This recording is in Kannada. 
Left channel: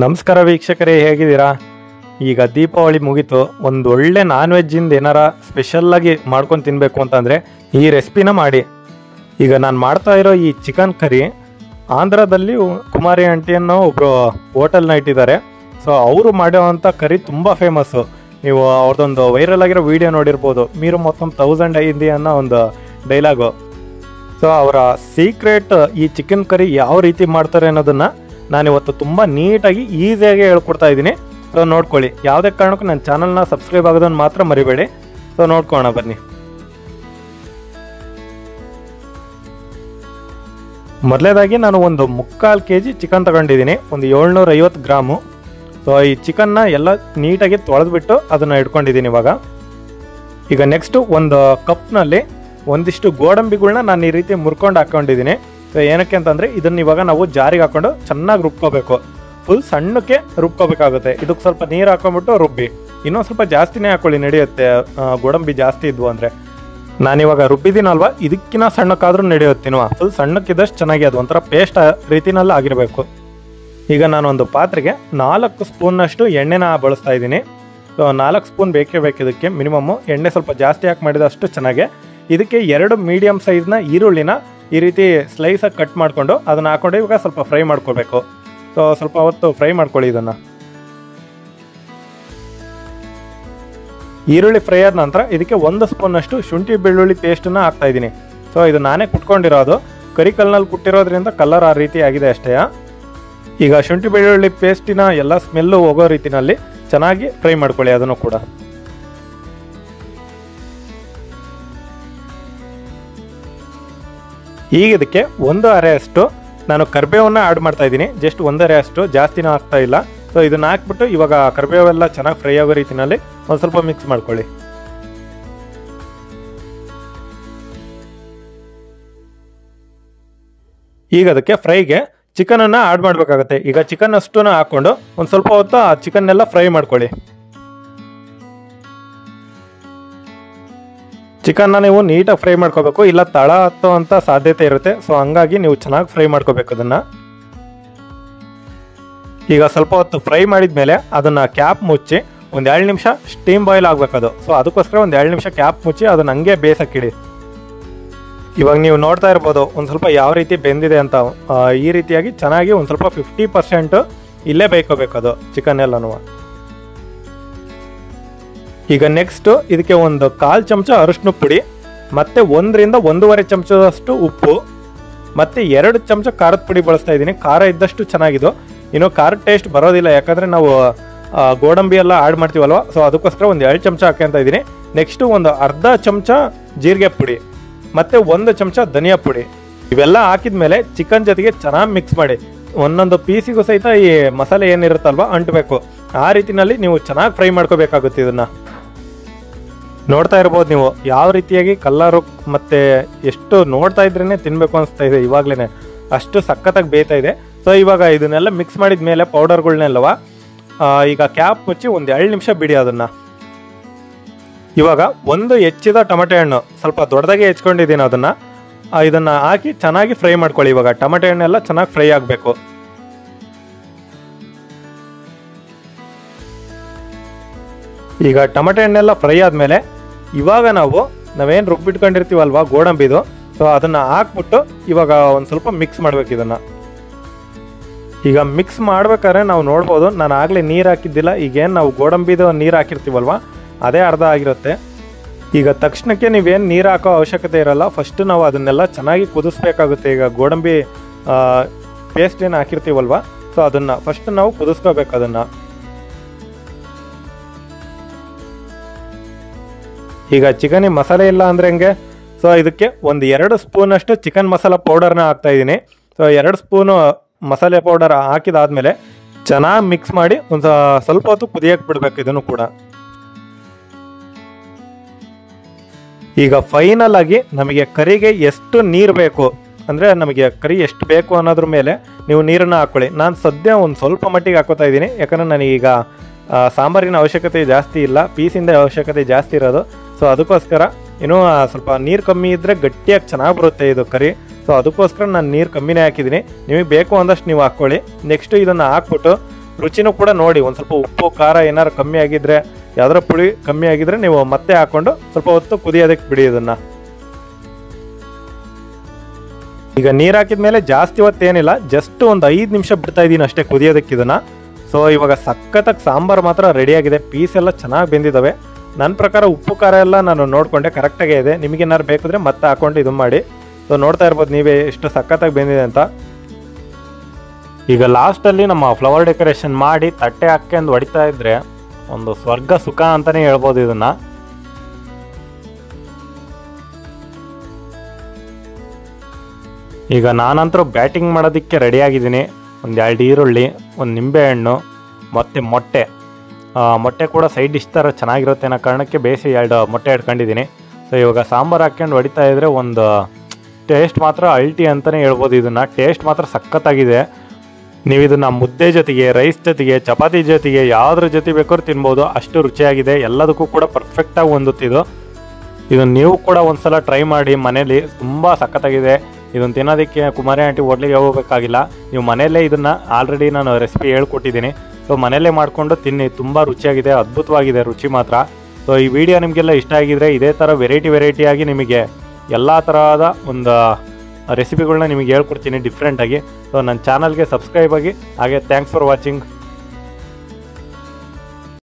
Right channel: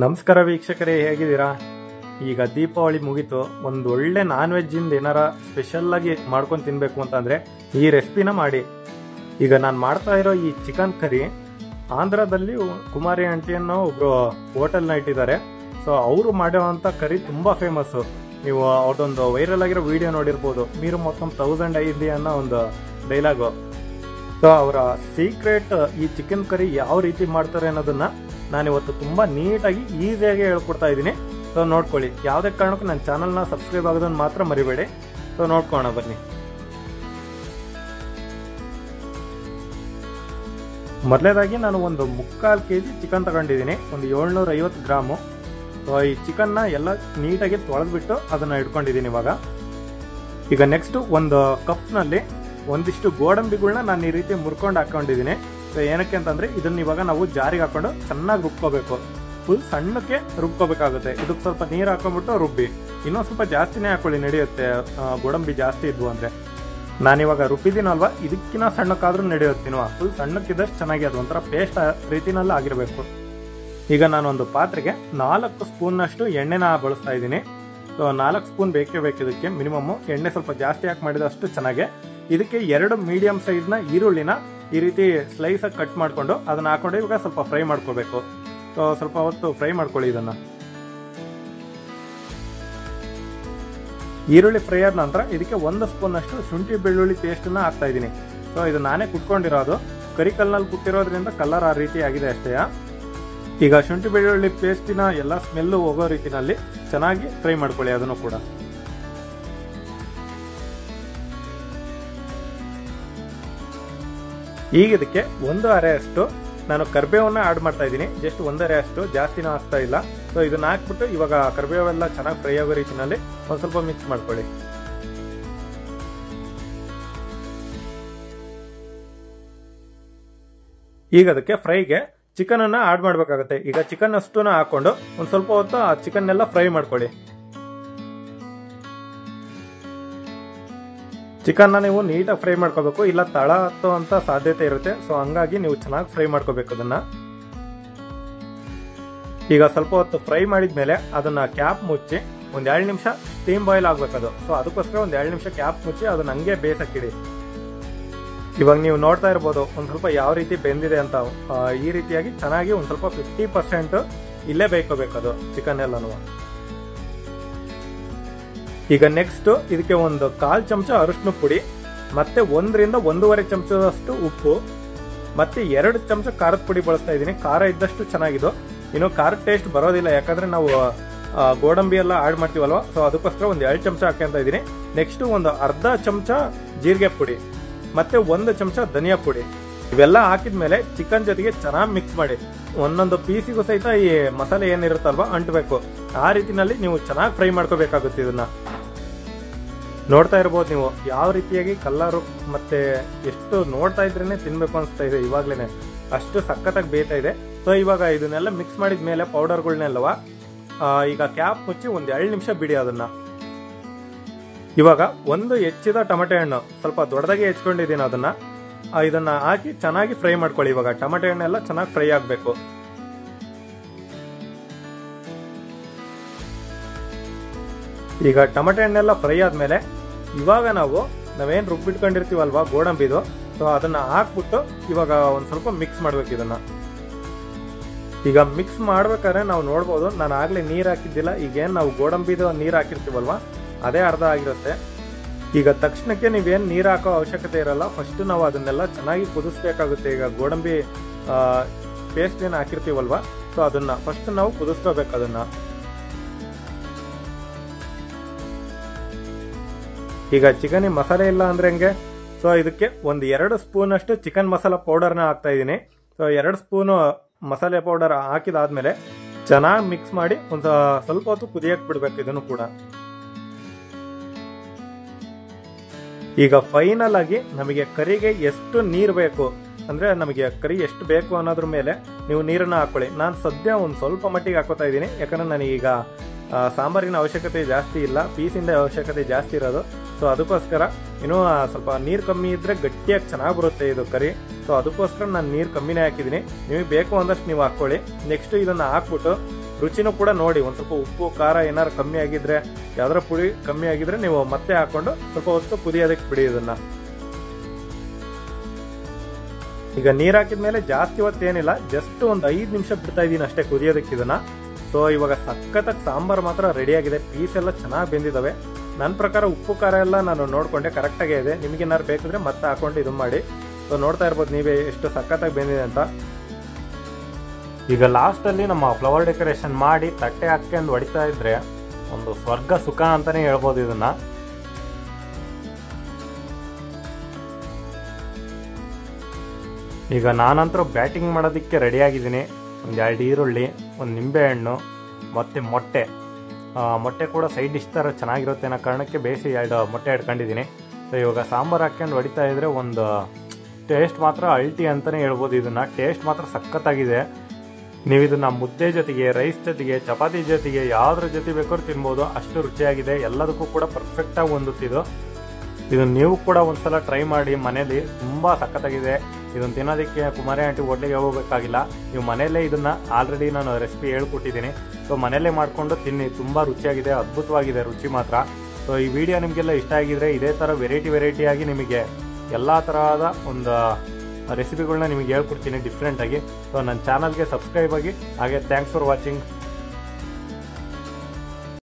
ನಮಸ್ಕಾರ ವೀಕ್ಷಕರೇ, ಹೇಗಿದ್ದೀರಾ? ಈಗ ದೀಪಾವಳಿ ಮುಗೀತು. ಒಂದು ಒಳ್ಳೆ ನಾನ್ ವೆಜ್ಜಿಂದ ಏನಾರ ಸ್ಪೆಷಲ್ಲಾಗಿ ಮಾಡ್ಕೊಂಡು ತಿನ್ನಬೇಕು ಅಂತಂದರೆ ಈ ರೆಸಿಪಿನ ಮಾಡಿ. ಈಗ ನಾನು ಮಾಡ್ತಾ ಇರೋ ಈ ಚಿಕನ್ ಕರಿ ಆಂಧ್ರದಲ್ಲಿ ಕುಮಾರಿ ಆಂಟಿ ಅನ್ನೋ ಒಬ್ಬರು ಹೋಟೆಲ್ನ ಇಟ್ಟಿದ್ದಾರೆ. ಸೊ ಅವರು ಮಾಡೋವಂಥ ಕರಿ ತುಂಬ ಫೇಮಸ್ಸು. ನೀವು ಅವ್ರದ್ದೊಂದು ವೈರಲ್ ಆಗಿರೋ ವಿಡಿಯೋ ನೋಡಿರ್ಬೋದು, ಮೀರು ಮೊತ್ತಂ 1000 ಅయింది ಅನ್ನೋ ಒಂದು ಡೈಲಾಗು. ಸೊ ಅವರ ಸೀಕ್ರೆಟ್ ಈ ಚಿಕನ್ ಕರಿ ಯಾವ ರೀತಿ ಮಾಡ್ತಾರೆ ಅನ್ನೋದನ್ನು ನಾನಿವತ್ತು ತುಂಬ ನೀಟಾಗಿ ಈಸಿಯಾಗಿ ಹೇಳ್ಕೊಡ್ತಾ ಇದ್ದೀನಿ. ಸೊ ನೋಡ್ಕೊಳ್ಳಿ. ಯಾವುದೇ ಕಾರಣಕ್ಕೂ ನನ್ನ ಚಾನಲ್ನ ಸಬ್ಸ್ಕ್ರೈಬ್ ಆಗೋದನ್ನು ಮಾತ್ರ ಮರಿಬೇಡಿ. ಸೊ ನೋಡ್ಕೊಳ್ಳೋಣ ಬನ್ನಿ. ಮೊದಲೇದಾಗಿ ನಾನು ಒಂದು 3/4 kg ಚಿಕನ್ ತಗೊಂಡಿದ್ದೀನಿ, ಒಂದು 750 ಗ್ರಾಮು. ಸೊ ಈ ಚಿಕನ್ನ ಎಲ್ಲ ನೀಟಾಗಿ ತೊಳೆದ್ಬಿಟ್ಟು ಅದನ್ನು ಇಟ್ಕೊಂಡಿದ್ದೀನಿ ಈಗ ನೆಕ್ಸ್ಟು ಒಂದು ಕಪ್ನಲ್ಲಿ ಒಂದಿಷ್ಟು ಗೋಡಂಬಿಗಳನ್ನ ನಾನು ಈ ರೀತಿ ಮುರ್ಕೊಂಡು ಹಾಕ್ಕೊಂಡಿದ್ದೀನಿ. ಸೊ ಏನಕ್ಕೆ ಅಂತಂದರೆ ಇದನ್ನು ಇವಾಗ ನಾವು ಜಾರಿಗೆ ಹಾಕ್ಕೊಂಡು ಚೆನ್ನಾಗಿ ರುಬ್ಕೋಬೇಕು. ಫುಲ್ ಸಣ್ಣಕ್ಕೆ ರುಬ್ಕೋಬೇಕಾಗುತ್ತೆ. ಇದಕ್ಕೆ ಸ್ವಲ್ಪ ನೀರು ಹಾಕೊಂಡ್ಬಿಟ್ಟು ರುಬ್ಬಿ. ಇನ್ನೊಂದು ಸ್ವಲ್ಪ ಜಾಸ್ತಿನೇ ಹಾಕ್ಕೊಳ್ಳಿ, ನಡೆಯುತ್ತೆ. ಗೋಡಂಬಿ ಜಾಸ್ತಿ ಇದ್ವು ಅಂದರೆ. ನಾನಿವಾಗ ರುಬ್ಬಿದ್ದೀನಲ್ವ, ಇದಕ್ಕಿಂತ ಸಣ್ಣಕ್ಕಾದ್ರೂ ನಡೆಯುತ್ತೀನೋ. ಫುಲ್ ಸಣ್ಣಕ್ಕಿದ್ದಷ್ಟು ಚೆನ್ನಾಗಿ ಅದು ಒಂಥರ ಪೇಸ್ಟ್ ರೀತಿನಲ್ಲಿ ಆಗಿರಬೇಕು. ಈಗ ನಾನೊಂದು ಪಾತ್ರೆಗೆ 4 ಸ್ಪೂನ್ನಷ್ಟು ಎಣ್ಣೆನ ಬಳಸ್ತಾ ಇದ್ದೀನಿ. ಸೊ 4 ಸ್ಪೂನ್ ಬೇಕೇ ಬೇಕು ಇದಕ್ಕೆ ಮಿನಿಮಮ್ಮು. ಎಣ್ಣೆ ಸ್ವಲ್ಪ ಜಾಸ್ತಿ ಹಾಕಿ ಮಾಡಿದಷ್ಟು ಚೆನ್ನಾಗೆ. ಇದಕ್ಕೆ 2 ಮೀಡಿಯಮ್ ಸೈಜ್ನ ಈರುಳ್ಳಿನ ಈ ರೀತಿ ಸ್ಲೈಸಾಗಿ ಕಟ್ ಮಾಡಿಕೊಂಡು ಅದನ್ನು ಹಾಕ್ಕೊಂಡು ಇವಾಗ ಸ್ವಲ್ಪ ಫ್ರೈ ಮಾಡ್ಕೊಳ್ಬೇಕು. ಸೊ ಸ್ವಲ್ಪ ಹೊತ್ತು ಫ್ರೈ ಮಾಡ್ಕೊಳ್ಳಿ ಇದನ್ನು. ಈರುಳ್ಳಿ ಫ್ರೈ ಆದ ನಂತರ ಇದಕ್ಕೆ 1 ಸ್ಪೂನ್ನಷ್ಟು ಶುಂಠಿ ಬೆಳ್ಳುಳ್ಳಿ ಪೇಸ್ಟನ್ನು ಹಾಕ್ತಾ ಇದ್ದೀನಿ. ಸೊ ಇದು ನಾನೇ ಕುಟ್ಕೊಂಡಿರೋದು, ಕರಿ ಕಲ್ಲಿನಲ್ಲಿ ಕುಟ್ಟಿರೋದ್ರಿಂದ ಕಲರ್ ಆ ರೀತಿ ಆಗಿದೆ ಅಷ್ಟೇ. ಈಗ ಶುಂಠಿ ಬೆಳ್ಳುಳ್ಳಿ ಪೇಸ್ಟಿನ ಎಲ್ಲ ಸ್ಮೆಲ್ಲು ಹೋಗೋ ರೀತಿನಲ್ಲಿ ಚೆನ್ನಾಗಿ ಫ್ರೈ ಮಾಡ್ಕೊಳ್ಳಿ ಅದನ್ನು ಕೂಡ. ಈಗ ಇದಕ್ಕೆ 1 ಅರೆಯಷ್ಟು ನಾನು ಕರಿಬೇವನ್ನ ಆ್ಯಡ್ ಮಾಡ್ತಾ ಇದ್ದೀನಿ. ಜಸ್ಟ್ 1 ಅರೆಯಷ್ಟು, ಜಾಸ್ತಿನೂ ಹಾಕ್ತಾ ಇಲ್ಲ. ಸೊ ಇದನ್ನ ಹಾಕ್ಬಿಟ್ಟು ಇವಾಗ ಕರಿಬೇವೆಲ್ಲ ಚೆನ್ನಾಗಿ ಫ್ರೈ ಆಗೋ ರೀತಿನಲ್ಲಿ ಒಂದು ಸ್ವಲ್ಪ ಮಿಕ್ಸ್ ಮಾಡ್ಕೊಳ್ಳಿ. ಈಗ ಅದಕ್ಕೆ ಫ್ರೈಗೆ ಚಿಕನನ್ನು ಆ್ಯಡ್ ಮಾಡಬೇಕಾಗುತ್ತೆ. ಈಗ ಚಿಕನ್ ಅಷ್ಟನ್ನು ಹಾಕ್ಕೊಂಡು ಒಂದು ಸ್ವಲ್ಪ ಹೊತ್ತು ಆ ಚಿಕನ್ನೆಲ್ಲ ಫ್ರೈ ಮಾಡ್ಕೊಳ್ಳಿ. ಚಿಕನ್ನ ನೀವು ನೀಟಾಗಿ ಫ್ರೈ ಮಾಡ್ಕೋಬೇಕು, ಇಲ್ಲ ತಳ ಹತ್ತುವಂಥ ಸಾಧ್ಯತೆ ಇರುತ್ತೆ. ಸೊ ಹಂಗಾಗಿ ನೀವು ಚೆನ್ನಾಗಿ ಫ್ರೈ ಮಾಡ್ಕೋಬೇಕು ಅದನ್ನು. ಈಗ ಸ್ವಲ್ಪ ಹೊತ್ತು ಫ್ರೈ ಮಾಡಿದ ಮೇಲೆ ಅದನ್ನು ಕ್ಯಾಪ್ ಮುಚ್ಚಿ ಒಂದು 2 ನಿಮಿಷ ಸ್ಟೀಮ್ ಬಾಯ್ಲ್ ಆಗಬೇಕದು. ಸೊ ಅದಕ್ಕೋಸ್ಕರ ಒಂದು 2 ನಿಮಿಷ ಕ್ಯಾಪ್ ಮುಚ್ಚಿ ಅದನ್ನು ಹಂಗೆ ಬೇಯಿಸಕ್ಕಿಡಿ. ಇವಾಗ ನೀವು ನೋಡ್ತಾ ಇರ್ಬೋದು ಒಂದು ಸ್ವಲ್ಪ ಯಾವ ರೀತಿ ಬೆಂದಿದೆ ಅಂತ. ಈ ರೀತಿಯಾಗಿ ಚೆನ್ನಾಗಿ ಒಂದು ಸ್ವಲ್ಪ 50% ಇಲ್ಲೇ ಬೇಯ್ಕೋಬೇಕು ಅದು ಚಿಕನ್ ಎಲ್ಲನೂ. ಈಗ ನೆಕ್ಸ್ಟು ಇದಕ್ಕೆ ಒಂದು 1/4 ಚಮಚ ಅರಿಶಿನ ಪುಡಿ, ಮತ್ತು 1 ರಿಂದ 1.5 ಚಮಚದಷ್ಟು ಉಪ್ಪು, ಮತ್ತು 2 ಚಮಚ ಖಾರದ ಪುಡಿ ಬಳಸ್ತಾ ಇದ್ದೀನಿ. ಖಾರ ಇದ್ದಷ್ಟು ಚೆನ್ನಾಗಿದ್ದು. ಇನ್ನು ಖಾರದ ಟೇಸ್ಟ್ ಬರೋದಿಲ್ಲ, ಯಾಕಂದರೆ ನಾವು ಗೋಡಂಬಿ ಎಲ್ಲ ಆ್ಯಡ್ ಮಾಡ್ತೀವಲ್ವ. ಸೊ ಅದಕ್ಕೋಸ್ಕರ ಒಂದು 2 ಚಮಚ ಹಾಕ್ಯಂತ ಇದ್ದೀನಿ. ನೆಕ್ಸ್ಟು ಒಂದು ಅರ್ಧ ಚಮಚ ಜೀರಿಗೆ ಪುಡಿ ಮತ್ತು 1 ಚಮಚ ಧನಿಯಾ ಪುಡಿ. ಇವೆಲ್ಲ ಹಾಕಿದ ಮೇಲೆ ಚಿಕನ್ ಜೊತೆಗೆ ಚೆನ್ನಾಗಿ ಮಿಕ್ಸ್ ಮಾಡಿ. ಒಂದೊಂದು ಪೀಸಿಗೂ ಸಹಿತ ಈ ಮಸಾಲೆ ಏನಿರುತ್ತಲ್ವ ಅಂಟಬೇಕು. ಆ ರೀತಿನಲ್ಲಿ ನೀವು ಚೆನ್ನಾಗಿ ಫ್ರೈ ಮಾಡ್ಕೋಬೇಕಾಗುತ್ತೆ ಇದನ್ನು. ನೋಡ್ತಾ ಇರ್ಬೋದು ನೀವು ಯಾವ ರೀತಿಯಾಗಿ ಕಲರು ಮತ್ತು ಎಷ್ಟು ನೋಡ್ತಾ ಇದ್ರೇ ತಿನ್ನಬೇಕು ಅನಿಸ್ತಾ ಇದೆ ಇವಾಗಲೇ, ಅಷ್ಟು ಸಖತ್ತಾಗಿ ಬೇಯ್ತಾ ಇದೆ. ಸೊ ಇವಾಗ ಇದನ್ನೆಲ್ಲ ಮಿಕ್ಸ್ ಮಾಡಿದ ಮೇಲೆ ಪೌಡರ್ಗಳನ್ನೆಲ್ಲವ ಈಗ ಕ್ಯಾಪ್ ಮುಚ್ಚಿ ಒಂದು 2 ನಿಮಿಷ ಬಿಡಿ ಅದನ್ನು. ಇವಾಗ ಒಂದು ಹೆಚ್ಚಿದ ಟೊಮೆಟೊ ಹಣ್ಣು ಸ್ವಲ್ಪ ದೊಡ್ಡದಾಗಿ ಹೆಚ್ಕೊಂಡಿದ್ದೀನಿ, ಇದನ್ನು ಹಾಕಿ ಚೆನ್ನಾಗಿ ಫ್ರೈ ಮಾಡ್ಕೊಳ್ಳಿ. ಇವಾಗ ಟೊಮೆಟೊ ಹಣ್ಣೆಲ್ಲ ಚೆನ್ನಾಗಿ ಫ್ರೈ ಆಗಬೇಕು. ಈಗ ಟೊಮೆಟೊ ಹಣ್ಣೆಲ್ಲ ಫ್ರೈ ಆದಮೇಲೆ ಇವಾಗ ನಾವೇನು ರುಬ್ಬಿಟ್ಕೊಂಡಿರ್ತೀವಲ್ವ ಗೋಡಂಬಿದು, ಸೊ ಅದನ್ನು ಹಾಕ್ಬಿಟ್ಟು ಇವಾಗ ಒಂದು ಸ್ವಲ್ಪ ಮಿಕ್ಸ್ ಮಾಡ್ಬೇಕು ಇದನ್ನು. ಈಗ ಮಿಕ್ಸ್ ಮಾಡ್ಬೇಕಾದ್ರೆ ನಾವು ನೋಡ್ಬೋದು, ನಾನು ಆಗಲೇ ನೀರು ಹಾಕಿದ್ದಿಲ್ಲ. ಈಗೇನು ನಾವು ಗೋಡಂಬಿದು ನೀರು ಹಾಕಿರ್ತೀವಲ್ವ ಅದೇ ಅರ್ಧ ಆಗಿರುತ್ತೆ. ಈಗ ತಕ್ಷಣಕ್ಕೆ ನೀವೇನು ನೀರು ಹಾಕೋ ಅವಶ್ಯಕತೆ ಇರಲ್ಲ. ಫಸ್ಟು ನಾವು ಅದನ್ನೆಲ್ಲ ಚೆನ್ನಾಗಿ ಕುದಿಸ್ಬೇಕಾಗುತ್ತೆ. ಈಗ ಗೋಡಂಬಿ ಪೇಸ್ಟ್ ಏನು ಹಾಕಿರ್ತೀವಲ್ವ, ಸೊ ಅದನ್ನು ಫಸ್ಟ್ ನಾವು ಕುದಿಸ್ಕೋಬೇಕು ಅದನ್ನು. ಈಗ ಚಿಕನಿಗೆ ಮಸಾಲೆ ಇಲ್ಲ ಅಂದರೆ ಹೆಂಗೆ? ಸೊ ಇದಕ್ಕೆ ಒಂದು 2 ಸ್ಪೂನಷ್ಟು ಚಿಕನ್ ಮಸಾಲ ಪೌಡರ್ನ ಹಾಕ್ತಾಯಿದ್ದೀನಿ. ಸೊ 2 ಸ್ಪೂನು ಮಸಾಲೆ ಪೌಡರ್ ಹಾಕಿದಾದ್ಮೇಲೆ ಚೆನ್ನಾಗಿ ಮಿಕ್ಸ್ ಮಾಡಿ ಒಂದು ಸ್ವಲ್ಪ ಹೊತ್ತು ಕುದಿಯಕ್ಕೆ ಬಿಡಬೇಕು ಇದನ್ನು ಕೂಡ. ಈಗ ಫೈನಲ್ ಆಗಿ ನಮಗೆ ಕರಿಗೆ ಎಷ್ಟು ನೀರು ಬೇಕು ಅಂದರೆ ನಮಗೆ ಕರಿ ಎಷ್ಟು ಬೇಕು ಅನ್ನೋದ್ರ ಮೇಲೆ ನೀವು ನೀರನ್ನು ಹಾಕ್ಕೊಳ್ಳಿ. ನಾನು ಸದ್ಯ ಒಂದು ಸ್ವಲ್ಪ ಮಟ್ಟಿಗೆ ಹಾಕೋತಾ ಇದ್ದೀನಿ, ಯಾಕಂದರೆ ನನಗೀಗ ಸಾಂಬಾರಿನ ಅವಶ್ಯಕತೆ ಜಾಸ್ತಿ ಇಲ್ಲ, ಪೀಸಿಂದ ಅವಶ್ಯಕತೆ ಜಾಸ್ತಿ ಇರೋದು. ಸೊ ಅದಕ್ಕೋಸ್ಕರ ಇನ್ನೂ ಸ್ವಲ್ಪ ನೀರು ಕಮ್ಮಿ ಇದ್ದರೆ ಗಟ್ಟಿಯಾಗಿ ಚೆನ್ನಾಗಿ ಬರುತ್ತೆ ಇದು ಕರಿ. ಸೊ ಅದಕ್ಕೋಸ್ಕರ ನಾನು ನೀರು ಕಮ್ಮಿನೇ ಹಾಕಿದ್ದೀನಿ. ನಿಮಗೆ ಬೇಕು ಅಂದಷ್ಟು ನೀವು ಹಾಕ್ಕೊಳ್ಳಿ. ನೆಕ್ಸ್ಟು ಇದನ್ನು ಹಾಕ್ಬಿಟ್ಟು ರುಚಿನೂ ಕೂಡ ನೋಡಿ, ಒಂದು ಸ್ವಲ್ಪ ಉಪ್ಪು ಖಾರ ಏನಾರು ಕಮ್ಮಿ ಆಗಿದ್ರೆ, ಯಾವ್ದಾರ ಪುಳಿ ಕಮ್ಮಿ ಆಗಿದ್ರೆ ನೀವು ಮತ್ತೆ ಹಾಕೊಂಡು ಸ್ವಲ್ಪ ಹೊತ್ತು ಕುದಿಯೋದಕ್ಕೆ ಬಿಡಿ ಇದನ್ನು. ಈಗ ನೀರು ಹಾಕಿದ್ಮೇಲೆ ಜಾಸ್ತಿ ಹೊತ್ತೇನಿಲ್ಲ, ಜಸ್ಟ್ ಒಂದು 5 ನಿಮಿಷ ಬಿಡ್ತಾ ಇದ್ದೀನಿ ಅಷ್ಟೇ ಕುದಿಯೋದಕ್ಕೆ ಇದನ್ನು. ಸೊ ಇವಾಗ ಸಖತ್ತಾಗಿ ಸಾಂಬಾರು ಮಾತ್ರ ರೆಡಿಯಾಗಿದೆ, ಪೀಸ್ ಎಲ್ಲ ಚೆನ್ನಾಗಿ ಬೆಂದಿದ್ದಾವೆ. ನನ್ನ ಪ್ರಕಾರ ಉಪ್ಪು ಖಾರ ಎಲ್ಲ ನಾನು ನೋಡಿಕೊಂಡೆ ಕರೆಕ್ಟಾಗೇ ಇದೆ. ನಿಮಗೇನಾರು ಬೇಕಿದ್ರೆ ಮತ್ತೆ ಹಾಕೊಂಡು ಇದು ಮಾಡಿ. ಸೊ ನೋಡ್ತಾ ಇರ್ಬೋದು ನೀವೇ ಎಷ್ಟು ಸಖತ್ತಾಗಿ ಬೆಂದಿದೆ ಅಂತ. ಈಗ ಲಾಸ್ಟಲ್ಲಿ ನಮ್ಮ ಫ್ಲವರ್ ಡೆಕೋರೇಷನ್ ಮಾಡಿ ತಟ್ಟೆ ಹಾಕ್ಕೊಂಡು ಹೊಡಿತಾ ಇದ್ರೆ ಒಂದು ಸ್ವರ್ಗ ಸುಖ ಅಂತಲೇ ಹೇಳ್ಬೋದು ಇದನ್ನು. ಈಗ ನಾನಂತರೂ ಬ್ಯಾಟಿಂಗ್ ಮಾಡೋದಕ್ಕೆ ರೆಡಿಯಾಗಿದ್ದೀನಿ. ಒಂದು 2 ಈರುಳ್ಳಿ, ಒಂದು ನಿಂಬೆಹಣ್ಣು ಮತ್ತು ಮೊಟ್ಟೆ ಕೂಡ ಸೈಡ್ ಡಿಶ್ ಥರ ಚೆನ್ನಾಗಿರುತ್ತೆ ಅನ್ನೋ ಕಾರಣಕ್ಕೆ ಬೇಯಿಸಿ 2 ಮೊಟ್ಟೆ ಇಟ್ಕೊಂಡಿದ್ದೀನಿ. ಸೊ ಇವಾಗ ಸಾಂಬಾರು ಹಾಕ್ಕೊಂಡು ಹೊಡಿತಾ ಇದ್ದರೆ ಒಂದು ಟೇಸ್ಟ್ ಮಾತ್ರ ಅಲ್ಟಿ ಅಂತಲೇ ಹೇಳ್ಬೋದು. ಇದನ್ನು ಟೇಸ್ಟ್ ಮಾತ್ರ ಸಖತ್ತಾಗಿದೆ. ನೀವು ಇದನ್ನು ಮುದ್ದೆ ಜೊತೆಗೆ, ರೈಸ್ ಜೊತೆಗೆ, ಚಪಾತಿ ಜೊತೆಗೆ ಯಾವುದ್ರ ಜೊತೆ ಬೇಕಾದ್ರೂ ತಿನ್ಬೋದು, ಅಷ್ಟು ರುಚಿಯಾಗಿದೆ. ಎಲ್ಲದಕ್ಕೂ ಕೂಡ ಪರ್ಫೆಕ್ಟಾಗಿ ಹೊಂದುತ್ತಿದ್ದು. ಇದನ್ನು ನೀವು ಕೂಡ ಒಂದ್ಸಲ ಟ್ರೈ ಮಾಡಿ ಮನೇಲಿ, ತುಂಬ ಸಖತ್ತಾಗಿದೆ. ಇದನ್ನು ತಿನ್ನೋದಕ್ಕೆ ಕುಮಾರಿ ಆಂಟಿ ಹೋಟ್ಲಿಗೆ ಹೋಗೋಕ್ಕಾಗಿಲ್ಲ, ನೀವು ಮನೆಯಲ್ಲೇ ಇದನ್ನು ಆಲ್ರೆಡಿ ನಾನು ರೆಸಿಪಿ ಹೇಳ್ಕೊಟ್ಟಿದ್ದೀನಿ. ಸೊ ಮನೆಯಲ್ಲೇ ಮಾಡಿಕೊಂಡು ತಿನ್ನಿ, ತುಂಬ ರುಚಿಯಾಗಿದೆ, ಅದ್ಭುತವಾಗಿದೆ ರುಚಿ ಮಾತ್ರ. ಸೊ ಈ ವಿಡಿಯೋ ನಿಮಗೆಲ್ಲ ಇಷ್ಟ ಆಗಿದ್ರೆ ಇದೇ ಥರ ವೆರೈಟಿಯಾಗಿ ನಿಮಗೆ ಎಲ್ಲ ತರಹದ ಒಂದು ರೆಸಿಪಿಗಳನ್ನ ನಿಮಗೆ ಹೇಳ್ಕೊಡ್ತೀನಿ ಡಿಫ್ರೆಂಟಾಗಿ. ಸೊ ನನ್ನ ಚಾನಲ್ಗೆ ಸಬ್ಸ್ಕ್ರೈಬ್ ಆಗಿ. ಹಾಗೆ ಥ್ಯಾಂಕ್ಸ್ ಫಾರ್ ವಾಚಿಂಗ್.